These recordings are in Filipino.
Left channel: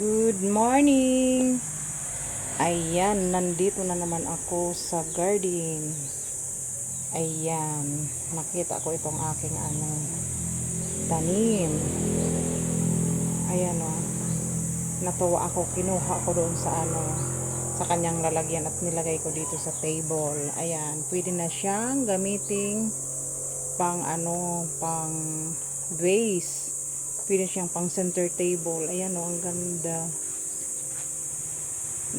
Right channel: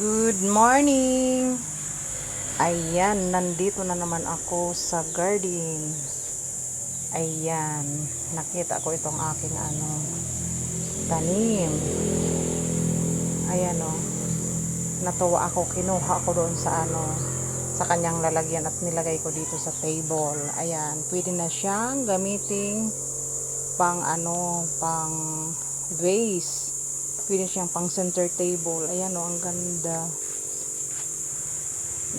Good morning! Ayan, nandito na naman ako sa garden. Ayan, nakita ko itong aking tanim. Ayan o, natuwa ako, kinuha ko doon sa sa kanyang lalagyan at nilagay ko dito sa table. Ayan, pwede na siyang gamiting pang pang vase. Pwede siyang pang center table. Ayan o, ang ganda.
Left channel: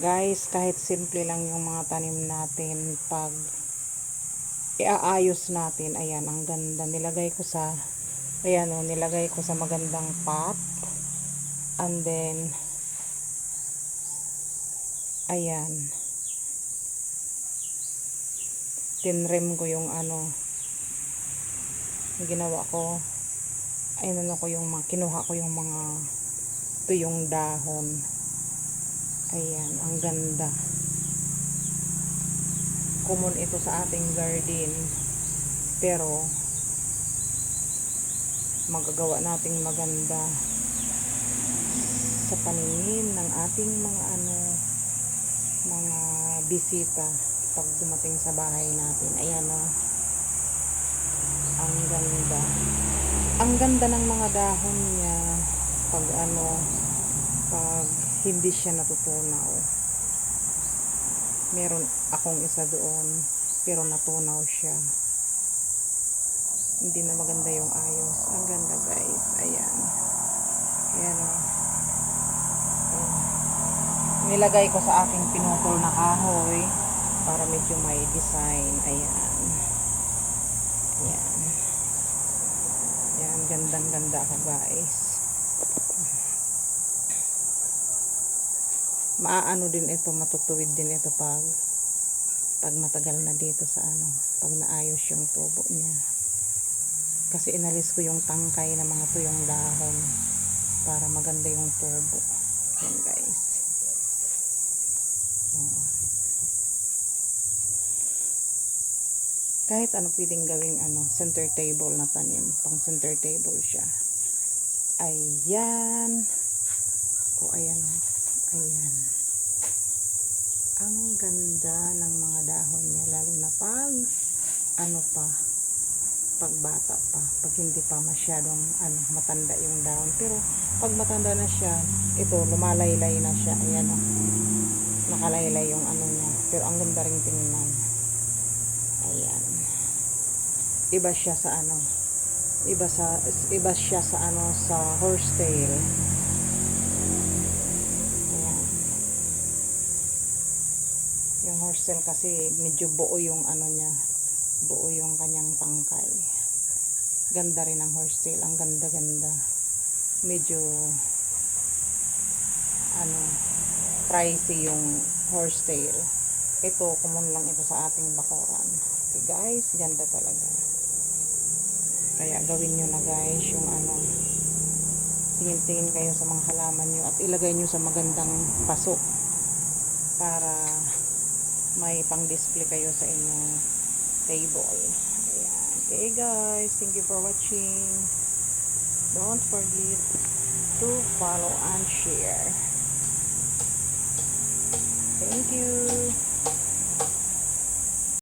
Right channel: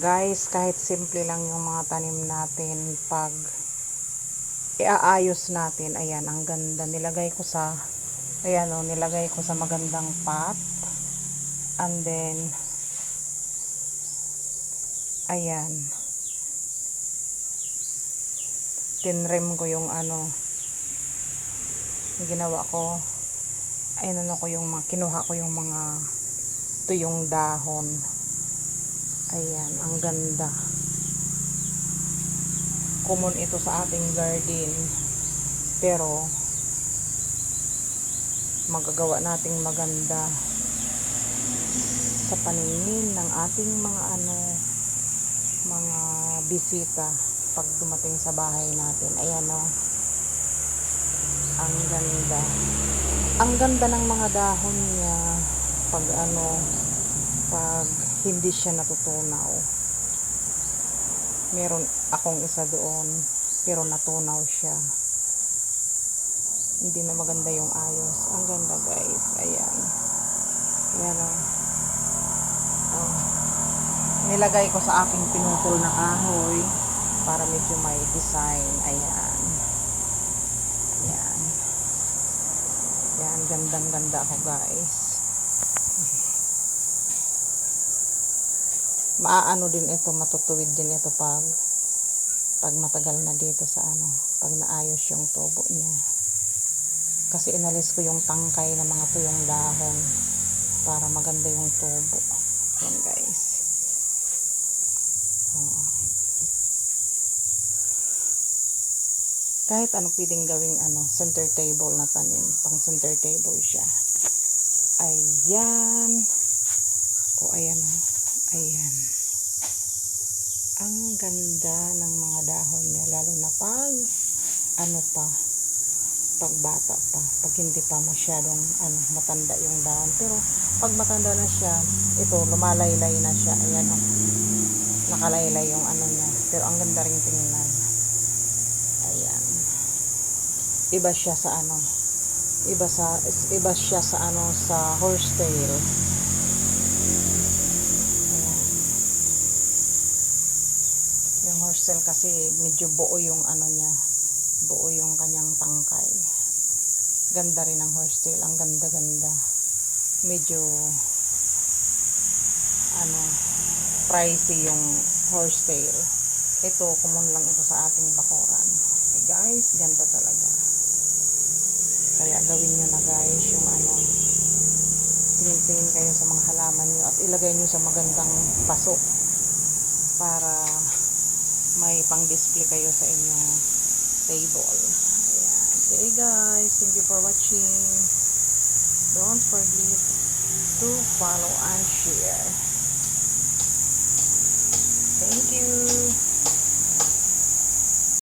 Guys, kahit simple lang yung mga tanim natin, pag iaayos natin, ayan, ang ganda. Nilagay ko sa magandang pot. And then, ayan, tinrim ko yung ginawa ko. Ayun, kinuha ko yung mga tuyong dahon. Ayan, ang ganda. Common ito sa ating garden. Pero, magagawa nating maganda sa paningin ng ating mga bisita pag dumating sa bahay natin. Ayan o. Ang ganda. Ang ganda ng mga dahon niya pag pag hindi siya natutunaw. Meron akong isa doon pero natunaw siya. Hindi na maganda yung ayos. Ang ganda, guys. Ayan. Ayan o. Oh. Nilagay ko sa aking pinutol na kahoy para medyo may design. Ayan. Ayan. Ayan. Gandang ganda ako, guys. Maaano din ito, matutuwid din ito pag matagal na dito sa pag naayos yung tubo niya. Kasi inalis ko yung tangkay ng mga tuyong dahon para maganda yung tubo. Ayan, guys. Oh. Kahit pwedeng gawing center table na tanim, pang center table siya. Ayan. O, ayan o. Ayan. Ang ganda ng mga dahon niya, lalo na pag pag bata pa, pag hindi pa masyadong matanda yung dahon. Pero pag matanda na siya, ito lumalaylay na siya. Ayan o. Nakalaylay yung niya. Pero ang ganda ring tingnan. Ayan. Iba siya sa iba siya sa sa horsetail. Ayan. Yung horsetail kasi medyo buo yung niya. Buo yung kanyang tangkay. Ganda rin ang horsetail. Ang ganda-ganda. Medyo pricey yung horsetail. Ito, common lang ito sa ating bakuran. So guys, ganda talaga. Kaya gawin nyo na, guys, yung tingin-tingin kayo sa mga halaman nyo at ilagay nyo sa magandang paso para may pang-display kayo sa inyong table. Ayan. Okay, guys, thank you for watching. Don't forget to follow and share. Thank you.